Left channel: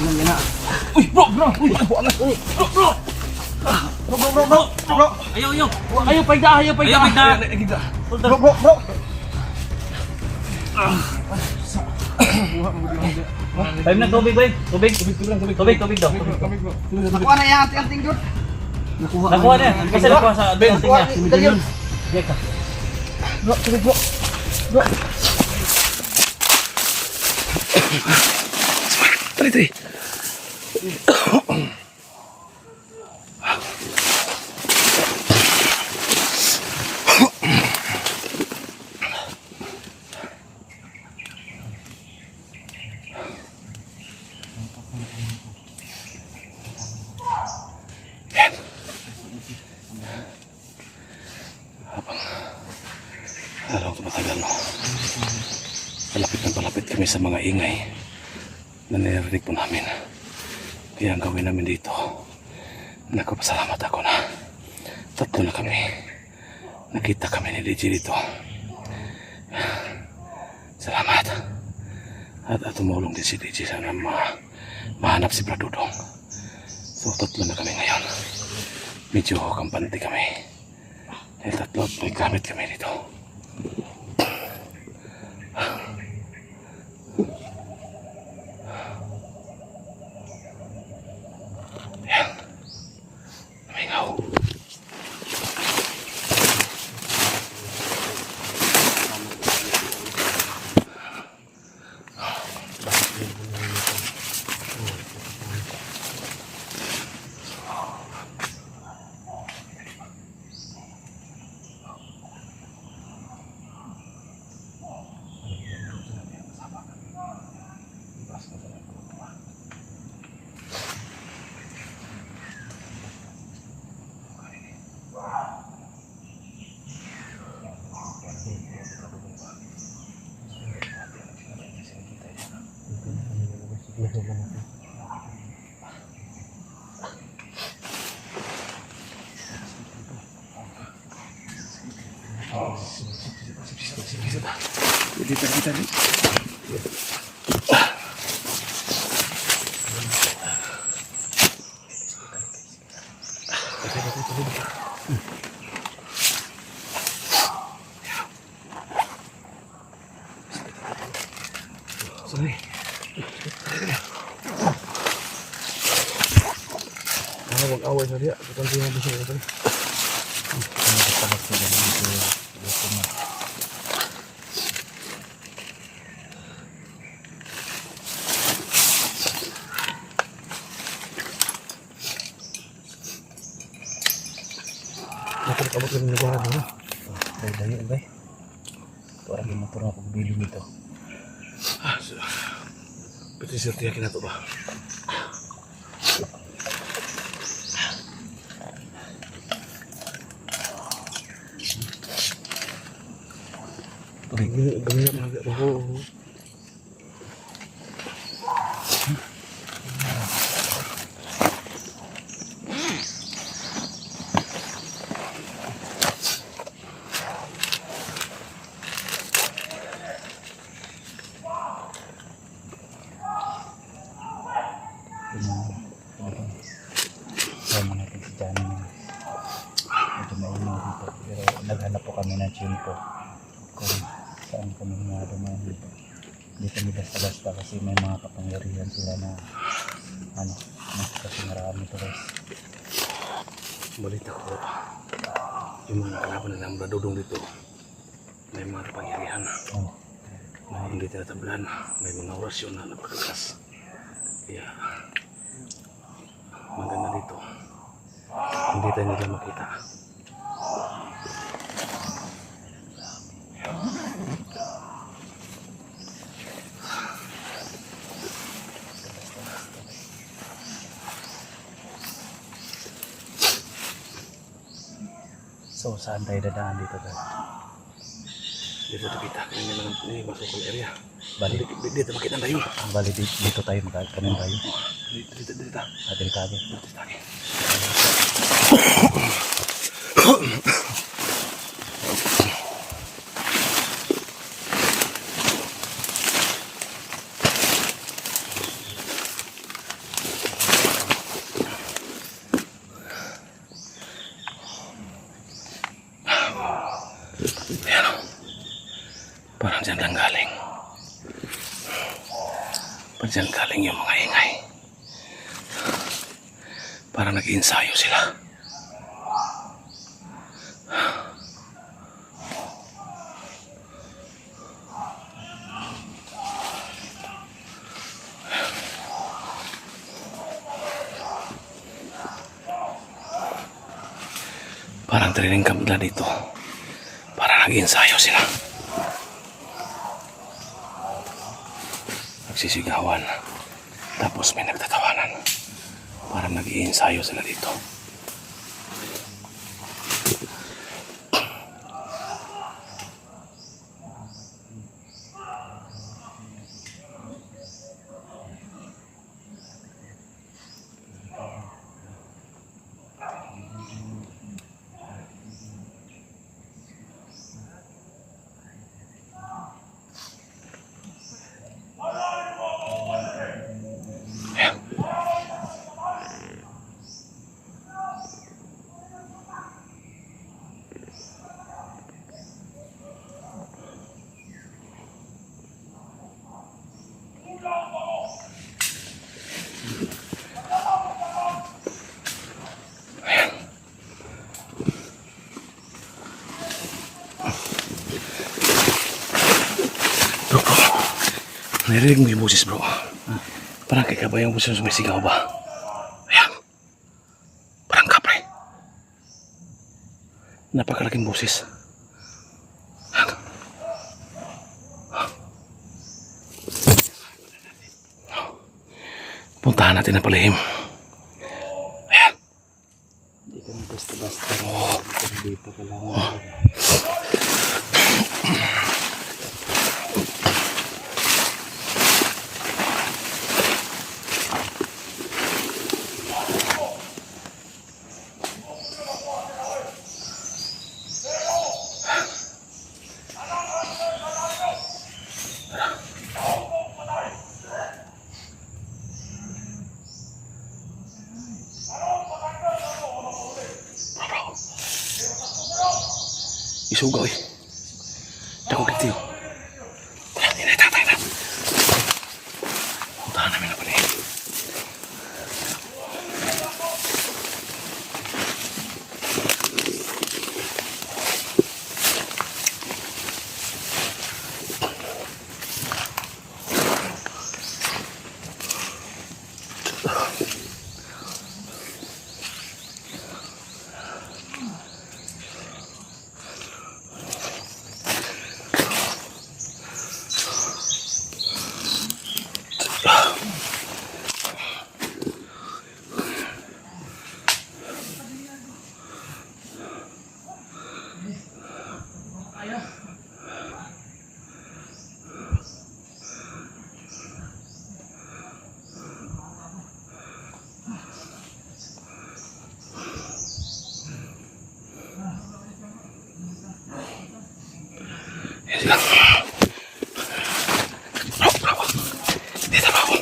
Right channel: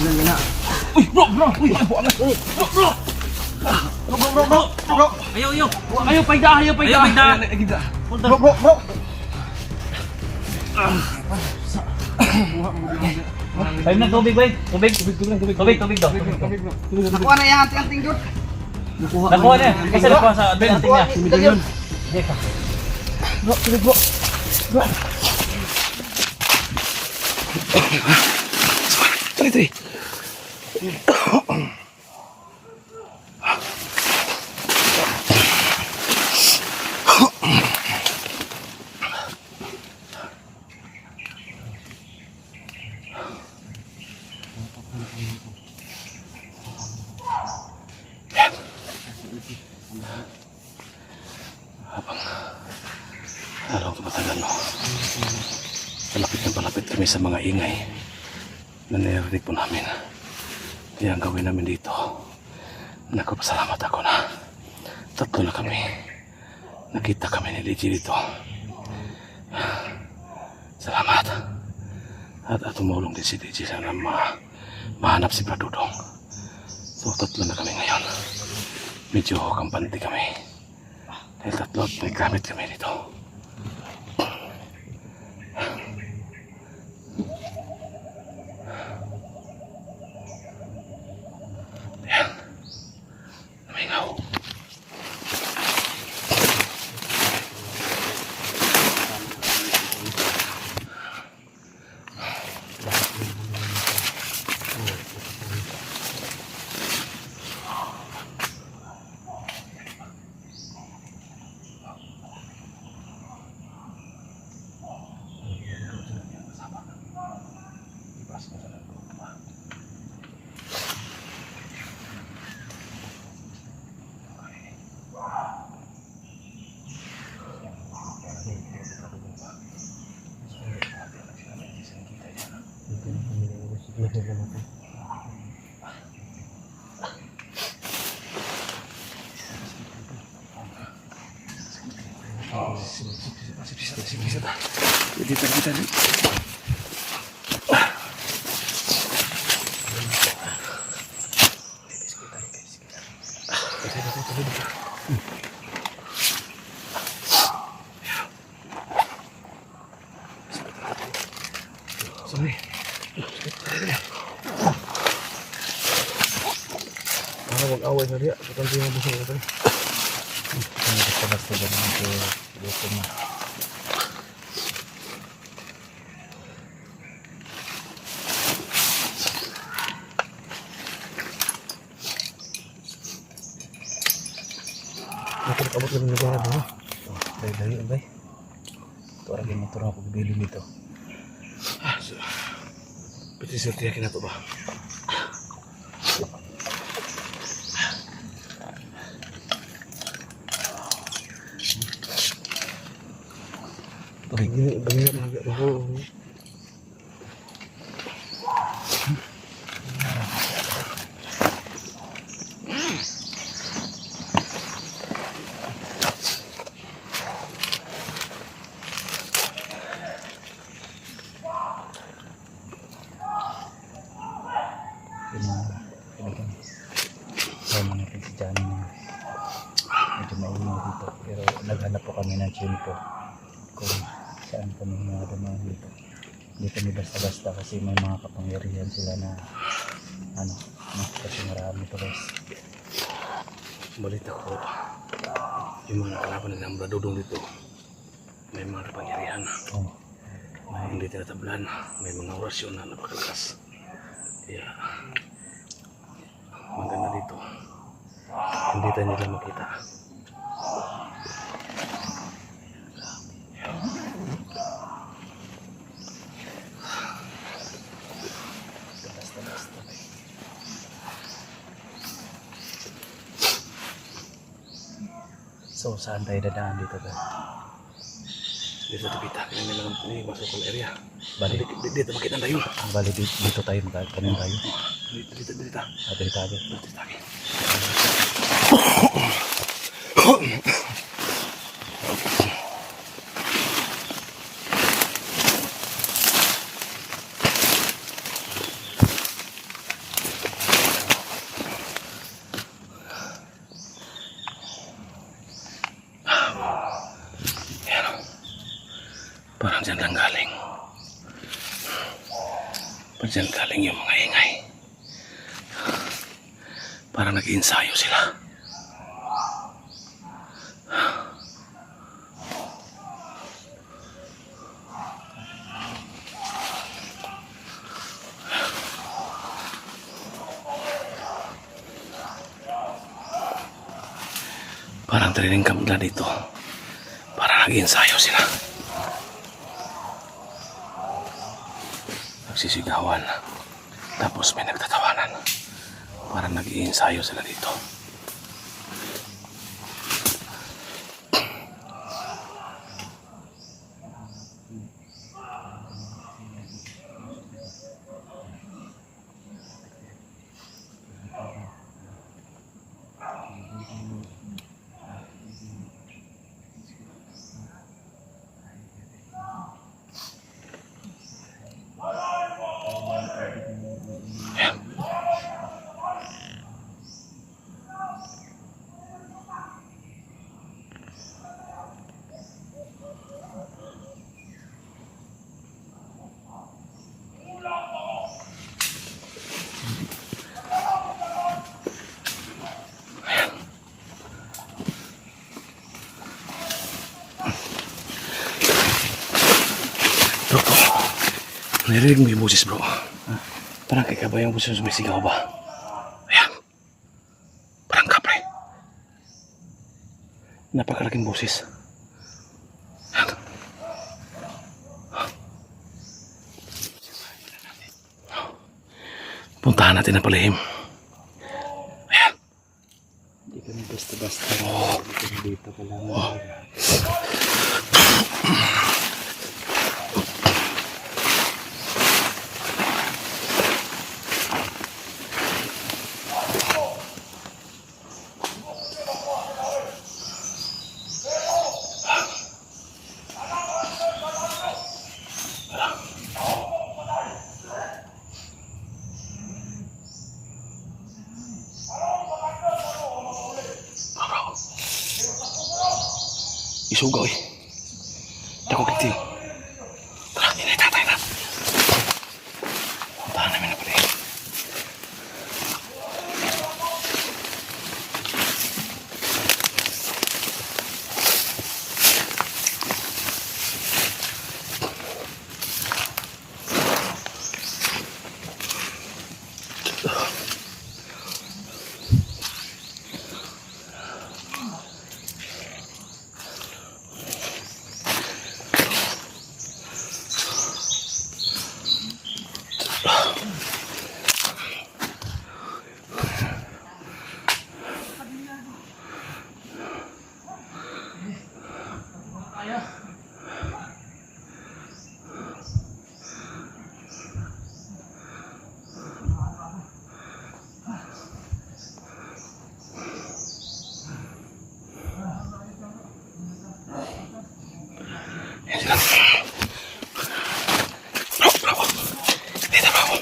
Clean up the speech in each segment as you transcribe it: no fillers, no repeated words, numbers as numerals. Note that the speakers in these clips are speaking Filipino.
Yan na. Uy, bro! Uy, buwangan. Bro! Bro! Ayaw. Ayaw, payda. Bro! Tayo na tubig, boy. Tubig daw. Nakuha na yung anting-anting doon. Nakuha na. Kasi nakuha sa anting niya. Sige ka. Bro, tubig bro. Tari. Habang tumatagal, no? Palapit kami sa mga ingay na narinig po namin. Kaya ang gawin namin dito, nagpapasalamat ako na tatlo na kami. Nakita kami ni DJ dito. Salamat. At tumulong din si DJ sana mahanap si Bradudong. So tatlo na kami ngayon. Medyo kampante kami. Dahil tatlo at may gamit kami dito. Ayan. Namingaw. Kita. Sorry. Mag-away na rin. Ito ang busog ito. Nakapagabot kami ng lugar dito. Dahil, bay. Ito orang yung motor ako bili nito. Pwede siya tiyakin na ito ba? Ganyan na ako. Sama natin si Johnny na medyo maunang dito, pero naghanap po kami ng tiyempo kung saan kami mga dumaan dito. Hindi kami basta-basta kasi may mga kapangyarihan sila na kasi marami to guys. Balita ko, yung mga nakalaban ng Bradudong dito, may mga kapangyarihan na hindi tinatablan, may mga orasyon na napakalakas. Kaya maganda dito, hindi tayo nila makita. So, saan tayo dadaan dito to? Dito sa Tibita, kanina lang masuk ang area. Bali, Dito makita tayo. bali dito tayo magkakanin tayo. Dito. Delikado. Diyan galing yung mga ingay. Parang nag-iensayo sila. Parang training camp na dito. Parang nag-iensayo sila. Nagsisigawan. Tapos may nagtatawanan. Parang nag-iensayo sila dito. Bro, narinig mo yung boses, bro. Parang kay Kabay yung boses sumisigaw ba? Ayan. Parang kapre. Napakalaking boses. Ayan. Puntahan natin ang palihim. Ayan. Hindi kami basta-basta. Hindi pa kailangan. Bro. Isugaw eh. Dako kitiyo. Tara, tinay tatay na. Puntahan namin na pala eh. Yan sila. Bro, bro. Dito, bro.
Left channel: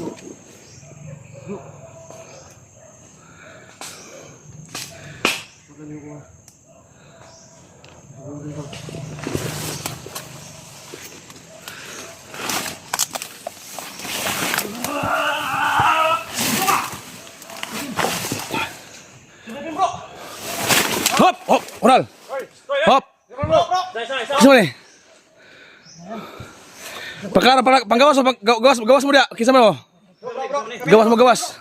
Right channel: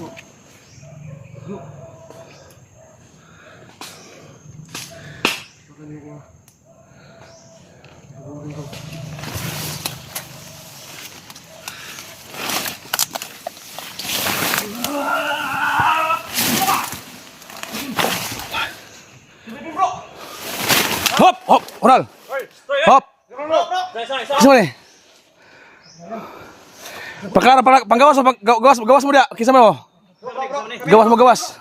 Hop! Hop! Oral! Hop! Kisah mo ni? Perkara panggawas mo, gawas mo dia. Kisah mo. Gawas.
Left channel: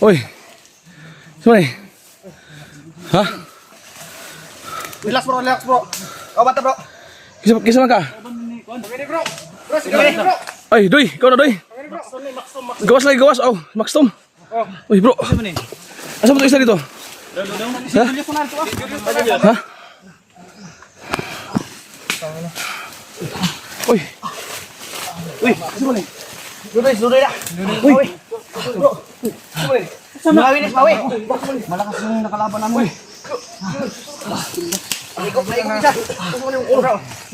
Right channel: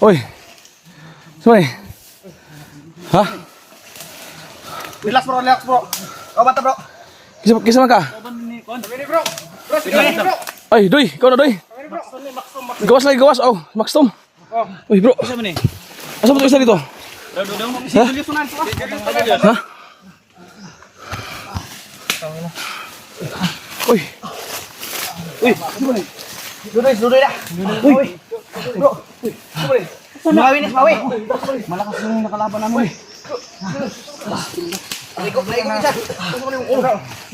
Oi. Kisah ni? Hah? Relax bro. Kau bata bro. Kisah mo ka? Ay, Doy, kau na Doy. Gawas lagi, gawas. Oh, Maxtom. Uy, bro. Asa mo ito isa dito? Ha? Ha? Uy. Dudoy dah. Uy. Bro. Mawi. Malakas yung nakalaban namin.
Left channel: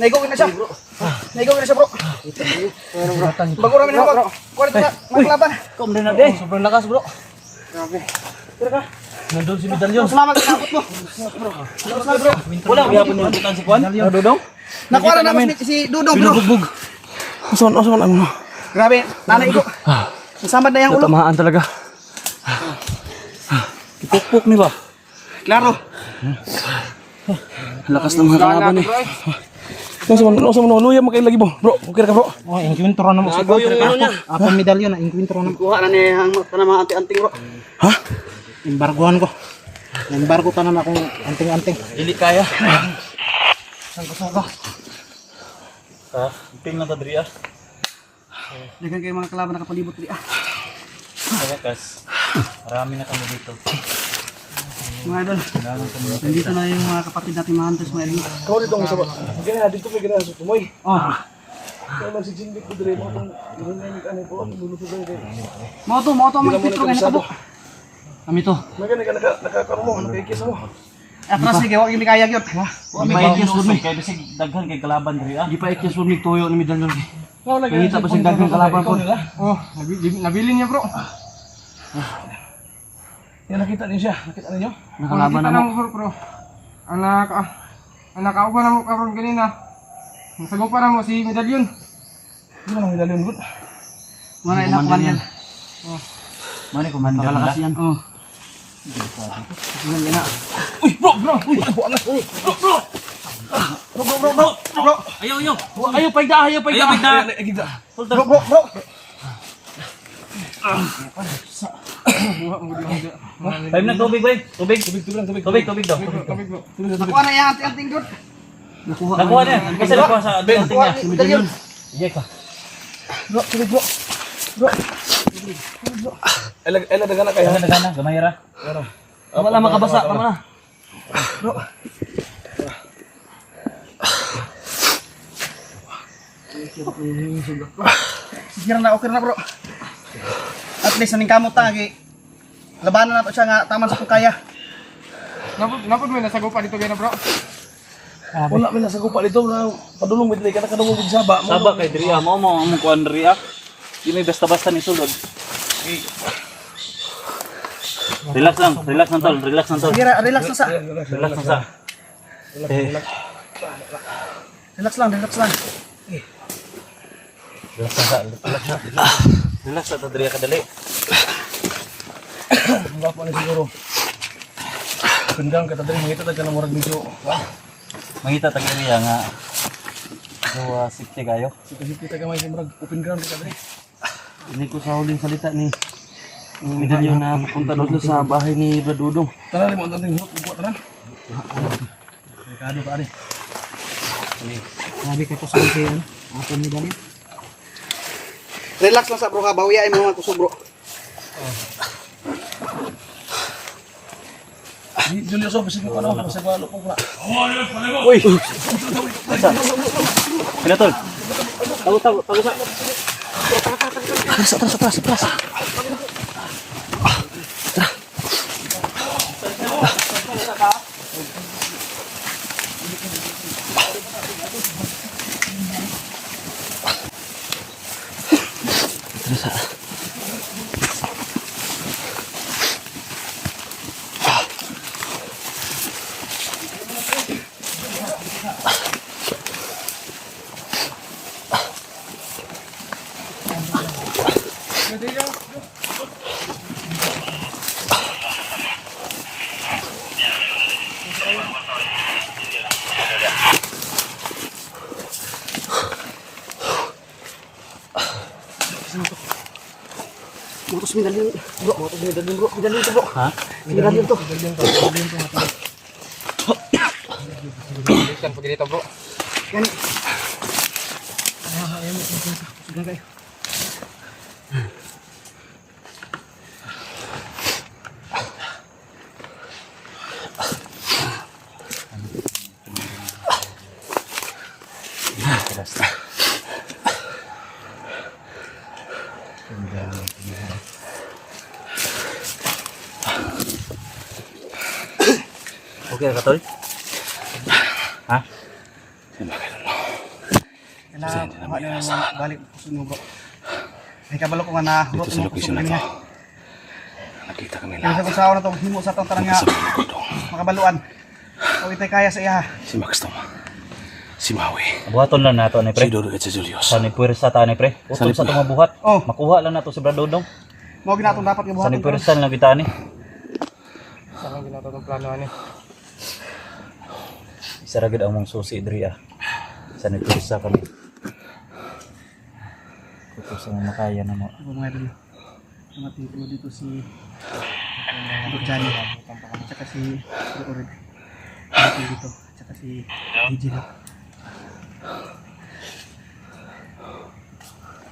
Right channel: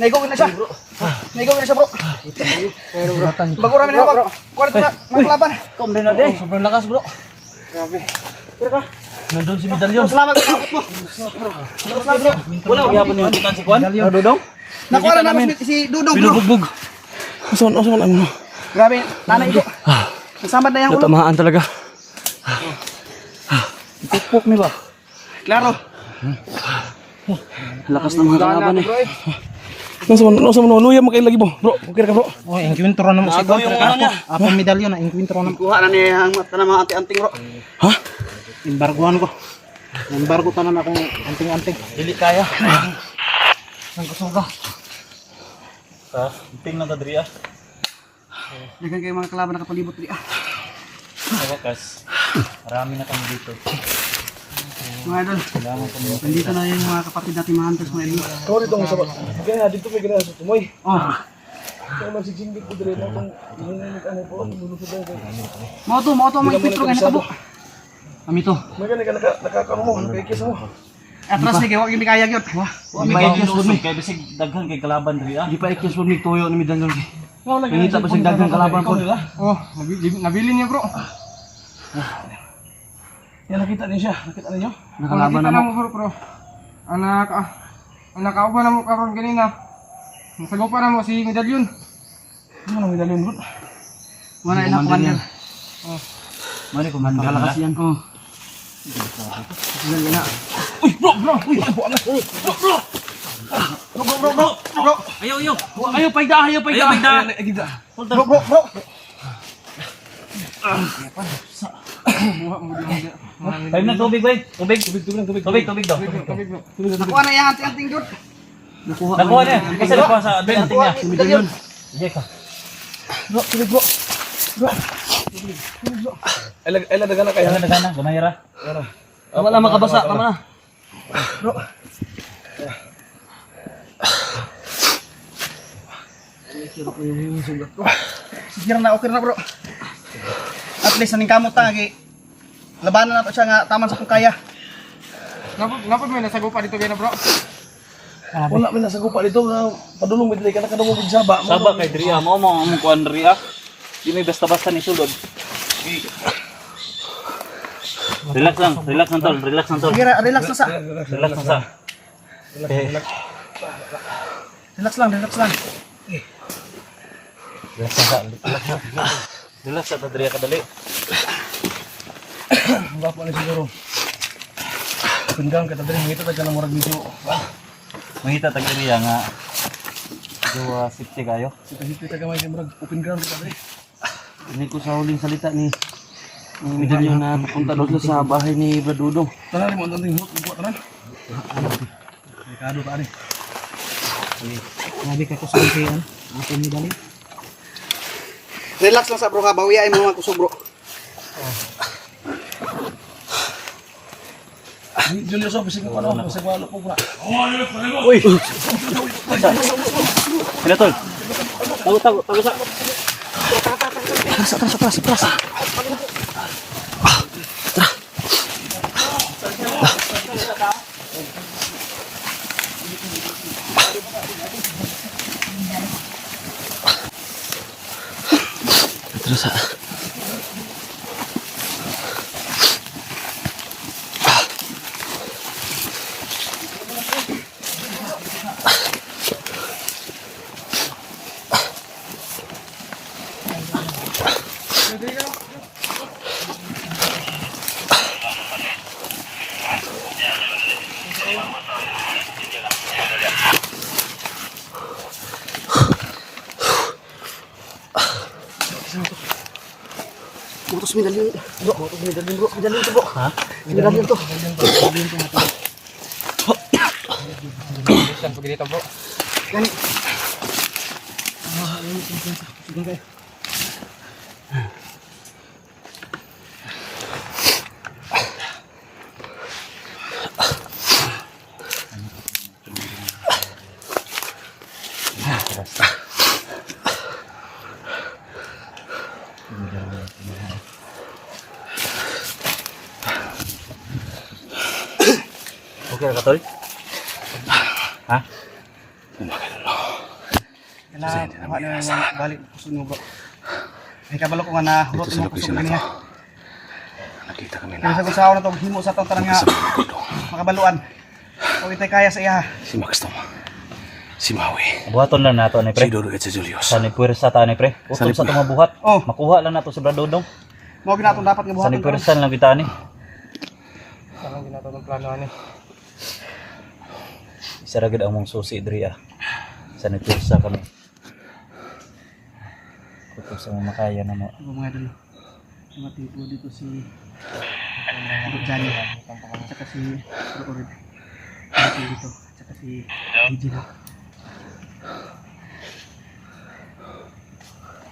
Naigok na siya. Bro. Bago namin hawak. Kuha na nakalaban. Kom din na din. Sobrang lakas bro. Nandun si Medalyon. Salamat sa kapot mo. Bro. Wala ko yapon yung tutan si Kwan. Dudong. Nakuha na namin si Dudong bro. Binubugbog. Asan ang Grabe, nanay ko. Nasamad na yung ulo. Tatamaan talaga. Pukpuk ni ba? Klaro. Lakas ng mga kalaban eh. Nasa mo, luya mo kayo lagi mo. Bro, okay ka bro. Oh, inkwentro na mo si Kwan. Apa medalyon na inkwentro na mo. Kuha na niya ang mata ng mga anting-anting bro. Ha? Embargoan ko. Embargo tanan ako anting-anting. Dili kaya. Ang kusuga. Ha? Ting na ta diri ah. Dagan kayo mga kalaban nakapalibot diri ah. Sa wakas. Marami na kami dito. Mga idol, nandito na yung mga kapatid natin mga hunters mga idol. Kau dito ang sabat. Kaya dito may ganaan sa tumoy. Oh, Kaya man si Jingbit ko dire mo itong inunay ano po. Lulusugan kayo. mo to mga intro nga nakabo. Kami to. May ganun ka nakakaroon mo. Nakaikis mo. Atras ni kayo, hindi kaya gyud. Di pa ikis pud mi kay bisig daghan kay kalaban diri ah. Di pa ikis pud mi tuyo ni Medalyon. Ngita pa sig daghan kalaban pud. Oh, nabili niya bro. Yan nakita niyo siya. Nakita niyo? Nakalaban na mo bro. Anak nakauban na mo karon kanina. Nasagupa na mo si Medalyon. Hindi mo nang medalyon good. Wala ina kuan yan. Mani ko man Makalakas yan. Oh. Sige na. Uy bro. Uy ano anak. Bro. Ayaw. Ayaw payda. Bro. Time na tubig boy. Tubig daw. Nakuha na yung anting-anting doon. Nakuha na. Kasi nakuha sa ating niya. Si Medalyon. Sige ka. Bro, tubig bro. Ay ladagan na kaya. Daghan na, gamay ra. Tama na makabasa, tama na. Bro. Sige na, okay na bro. At least naning kamot tagi. Labanan na to siya nga taman sa kung kaya. Napod may nasagupa dito gana bro. Wala may nasa gupa dito na padulong midlay ka na kadungog sa saba. Saba kay diri ah, mo kuan diri ah. Di may basta-basta ni sulod. Relax lang tol. Sige, relax lang sa. Relax lang sa. Relax lang. Relax sa diri ka dali. Ang gapo na siguro. Pindang ka tadiri ngito tagka na murag medyo. Mangita tag niya nga. Jowa safety kayo. Kita ka may murag open ground ka tadiri. Ini ko sa huling salita ni Medalyon na punta doon sa bahay ni Bladudong. Tanan mo anting hurot buat tanan. Rekado ka ani. Sabi ka ko sa ano? Ako ni Medalyon. Relax lang sa bro ka, bawiyain mo mga kusog bro. Julio so bisig ko ano, bisig walo po na. Uy. Ano tol? Tago sa. Atras. Terus sa motos medalyon bro, motos medalyon bro, medalyon to bro. Ha? Medalyon to. Medalyon to natin. Saan po dito bro? Yan. Ayaw mo kung sa sugan kayo. Okay ka tol? Ha? Balik po sa bro. May kabalo ko nga na dito sa location na to. Nakita kami lahat. Sa usawa na to, himo sa tong tarang nga. Makabaluan. O itay kaya sa iya. Si Max Tom. Si Maui. Buhaton lang nato ni Si pre. Dodo at si Julius. Sa ni puwersa ta ni pre. Utol sa itong mabuhat. Oh. Makuha lang nato si Bradodong. Mo ginaton dapat nga Sa buhaton. ni puwersa lang kita ni. Sa ginaton ng plano ani. Isa ragid ang mong susi diri ah. Sa ni puwersa kami. Kuto sa mga makaya na mo. Mga idol. Mga tipo dito si Johnny. Tsaka si Orid. Dito. Tsaka si DJ na.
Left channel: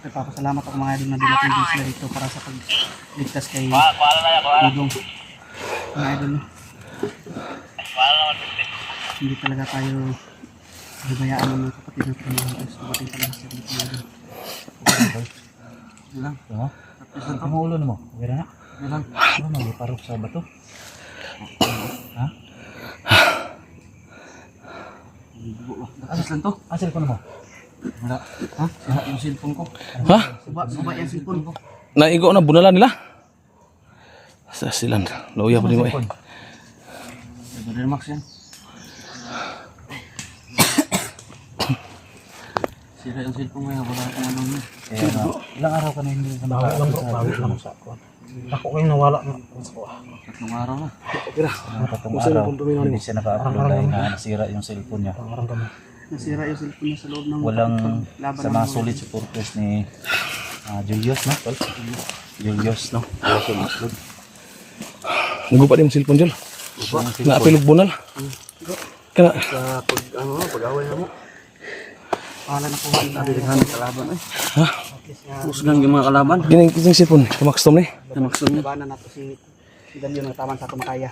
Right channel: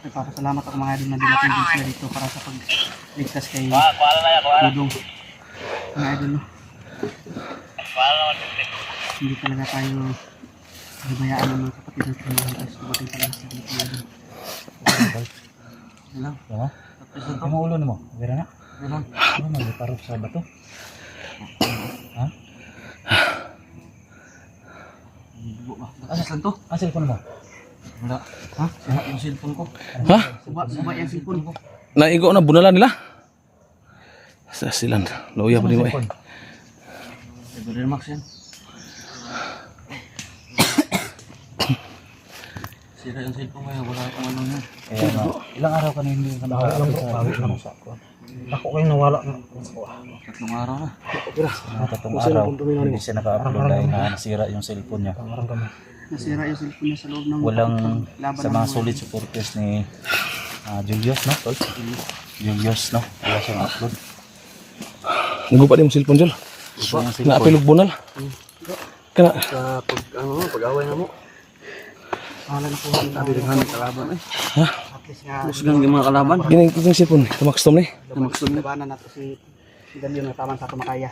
Papasalamat ako mga idol na dinating din sila dito para sa pagligtas kay Dudong. Mga idol no. Hindi talaga tayo nabayaan ng mga kapatid natin mga guys. Dumating talaga sila dito mga idol. Lang. Diba? Ang ulo ni mo. Okay na? Lang. Ano magparok sa bato? Ha? Asan to? Asil ko na mo. Wala. Ha? Suba yung cellphone ko. Ha? Suba yung cellphone ko. Naigo na bunala nila. Sa silan. Loya pa din mo eh. Brother Max yan. Sira yung cellphone ngayon. Wala pa naman. Ilang araw ka na hindi ka bawi lang bro. Bawi lang sa kuwan. Ako kayo nawala na. Tatlong araw na. Matatong araw. Hindi siya naka-upload dahil nasira yung cellphone niya. Nasira yung cellphone niya sa loob ng Walang laban sa mga solid supporters ni Julius na. Julius no. Julius yung upload. Nagupa din mo cellphone dyan. Naapilog bunal. Kana. sa pag-away na mo. Wala na kuha na bilang kalaban eh. Ha? Musgang yung mga kalaban. Gining kitang cellphone. Kay Max Tom ni. Labanan nato si Dalyon na taman sa tumakaya.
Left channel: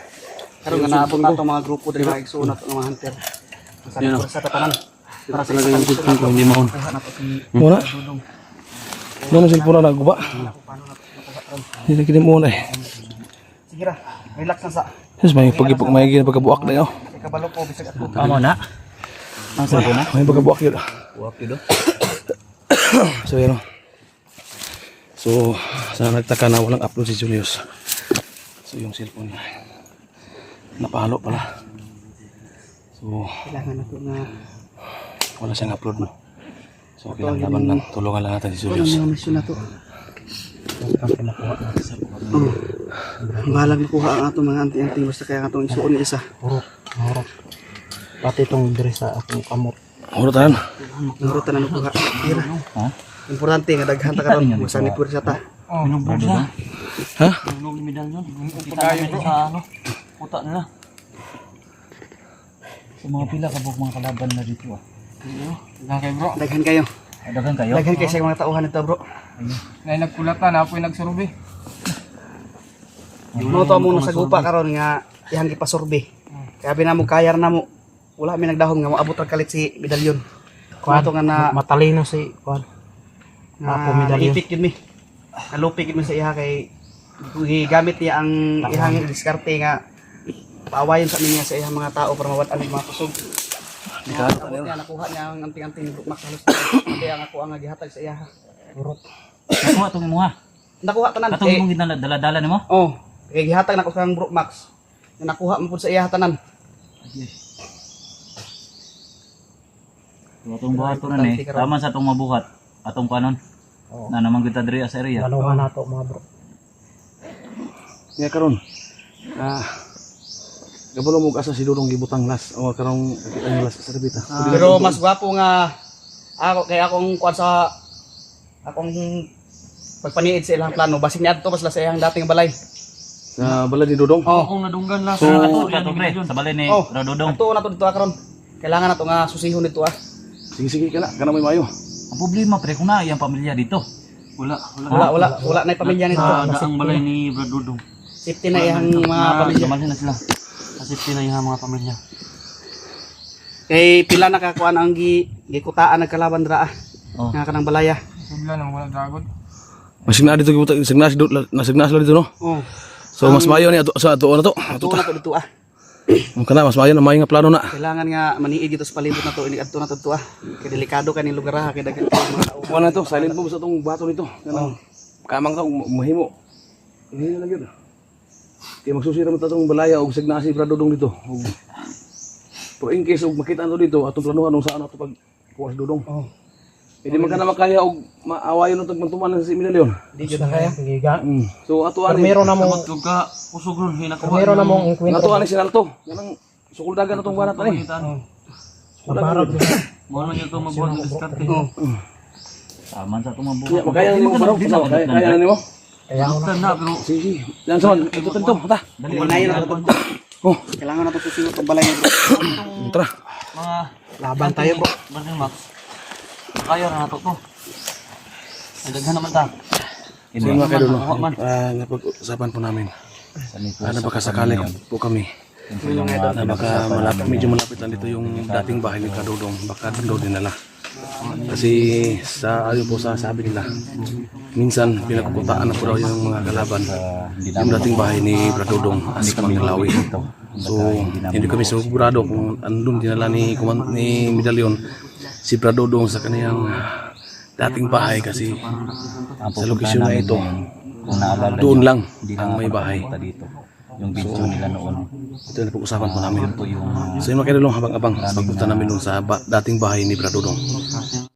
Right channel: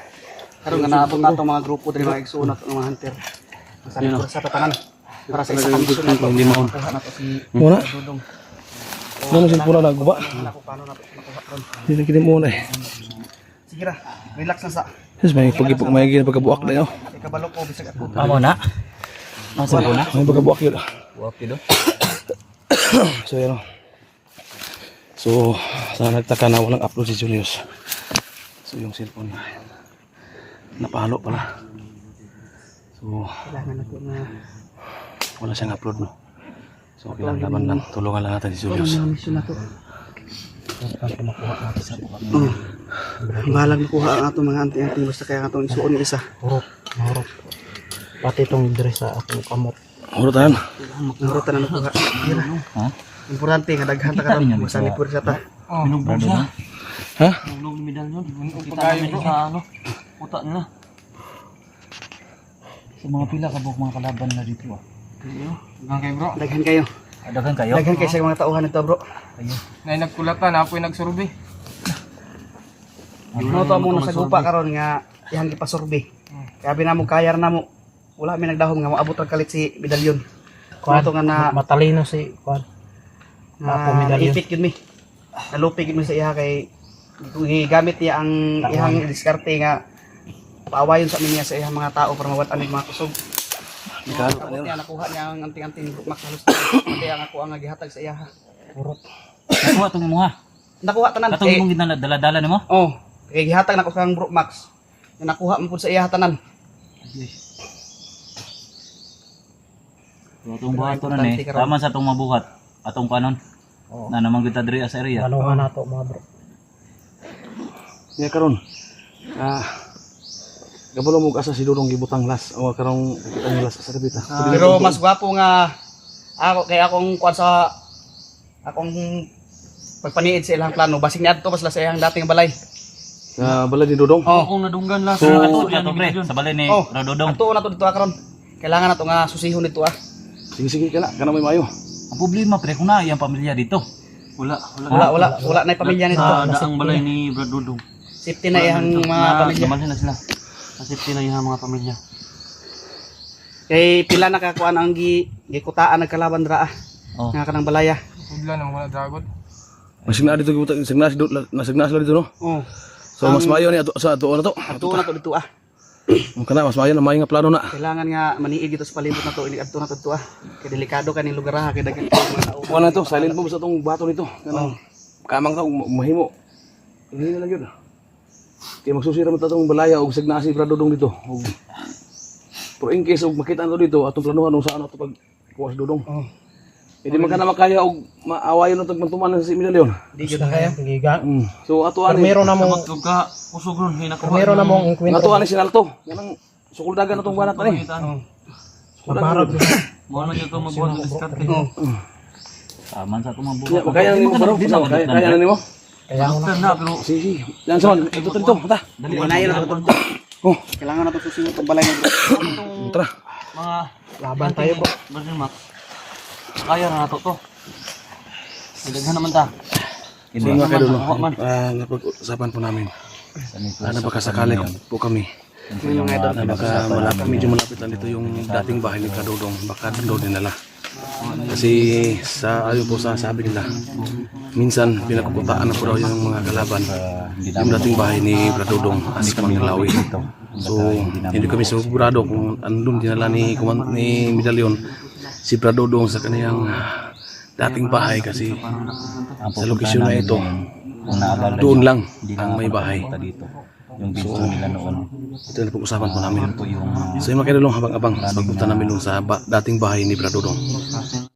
Karon nga naabot nato mga grupo diri mga igsuon nato mga hunter. Sa tatanan. Para sa isang grupo hindi mo. Nato si Muna. Dudong. Ano mo cellphone na naguba? Ako paano nato sa Hindi kita mo na eh. sige ra. Relax na sa. Yes, may pagipok may gina pagkabuak na yun. Kabalo ko bisag ako. Amo na. Ang cellphone na. May pagkabuak yun. Buwak yun. So yan. So sa nagtaka na walang upload si Julius. So yung cellphone niya napalo pala. So Kailangan nato na wala siyang upload no. So kailangan lang tulungan lang natin si Julius. ang mission nato. Ang nakuha natin sa buwak. Balag nakuha ang atong mga anting-anting basta kaya atong isuon yung isa. Horot. Pati itong dress sa akong kamot. Urutan. Narutan na nakuha. Ha? Importante nga daghan ta karon sa nipur sa ta. Binubog siya. Ha? Binubog ni medalyon. Kita namin sa ano. Puta nila. Sa mga pila kabuk mga kalaban na dito ah. Daghan kayo bro. Daghan kayo. Daghan kayo. Daghan kayo sa mga tauhan nito bro. Nay nagkulatan apoy nagsurbe. Mo to mo sa gupa karon nga ihang gipasurbe. Kaya binamo kayar na mo. Wala mi nagdahom nga moabot ang kalit si medalyon. Kuan to nga na Matalino si Kwan. ipit gid mi. Nalupi gid mi sa iha kay gigamit niya ang ihang diskarte nga paawayon sa minya sa ihang mga tao para mawad anig mga kusog. Nakuha niya ang anting-anting Max halos. Kaya ang ako ang gihatag sa iha. Kuha itong imuha. Nakuha tanan. Katong imong ginadala-dala nimo? Oh, kay gihatag na ko kang Bro Max. Nakuha mo pud sa iya tanan. Itong buhat ko na ni, tama sa itong mabuhat. Atong kanon. Na naman kita diri sa area. Lanuhan na to mga bro. Nya karon. Gabalo mo asa si Dudong gibutang las o karong kita ni las sa debita. Pero mas gwapo nga ako kay akong kuan sa akong pagpaniid sa ilang plano. Basig niadto pas la sa iyang dating balay. Sa balay ni Dudong. Oh. Kung nadunggan lang So, Sa balay ni Oh, Rododong. ato na to dito karon. Kailangan na to nga susihon dito sige kana may mayo. Ang problema pre kung na iyang pamilya dito. Wala na yung pamilya nito. Ang balay ni Rododong. Safety na iyang mga pamilya. Sumalhin na sila. Safety na iyang mga pamilya. Kay pila nakakuan ang gikutaan nagkalaban dra Oh. nga kanang balaya. Sudlan ang wala dragon. Masigna dito gibutang signa sila dito no. Oh. So mas mayo ni ato sa ato na to. Ato na to dito Kana mas mayo na may nga plano na. Kailangan nga maniid dito sa palibot na to. Ini adto na to Kay delikado kaning lugar ha kay daghan kay mga tao. Kuha na to, silent mo sa tong bato nito. Kanang kamang to mahimo. Ini na lang yun. Kaya magsusira mo tatong balaya og signasi para Dudong dito. Pero in case og makita to dito atong planuhan kung saan ato pag kuha sa Dudong. Oh. Hindi man kana makaya og maawayon ng tagmantuman sa Medalyon. Di gyud kaya. Giga. So ato ani. Meron na mong Usog ron meron na mong inkwento. Ato ani sinalto. Kanang sukuldagan atong banat ani. Mabarag. Mo na ito mabuhat Oh. Tama sa itong mabuhat. Ya makaya nimo baro. Kaya na nimo. Kaya ako na. Sige. Yan sama ito ta. Dali na to. Oh, Kailangan na to susihon tong balay na. tara. Mga Laban tayo bro. Brother Max. Kaya na nato to. Daghan naman ta. So mga kaidolo, napag-usapan po namin. Napakasakali po kami. Na baka medyo malapit lang dito yung dating bahay ni Kadudong. Baka doon dinala. Kasi sa ayon po sa sabi nila, minsan pinakukutaan na po daw yung mga kalaban. Yung dating bahay ni Bradodong as Manggalawi. So hindi kami sigurado kung andun dinala ni Medalyon si Bradodong sa kaniyang dating bahay kasi sa lokasyon na ito doon lang ang may bahay. Yung video nila noon. Ito na pag-usapan po namin. Po yung So yun mga kaidolo, habang-abang sa pagpunta namin doon sa dating bahay ni Bradodong.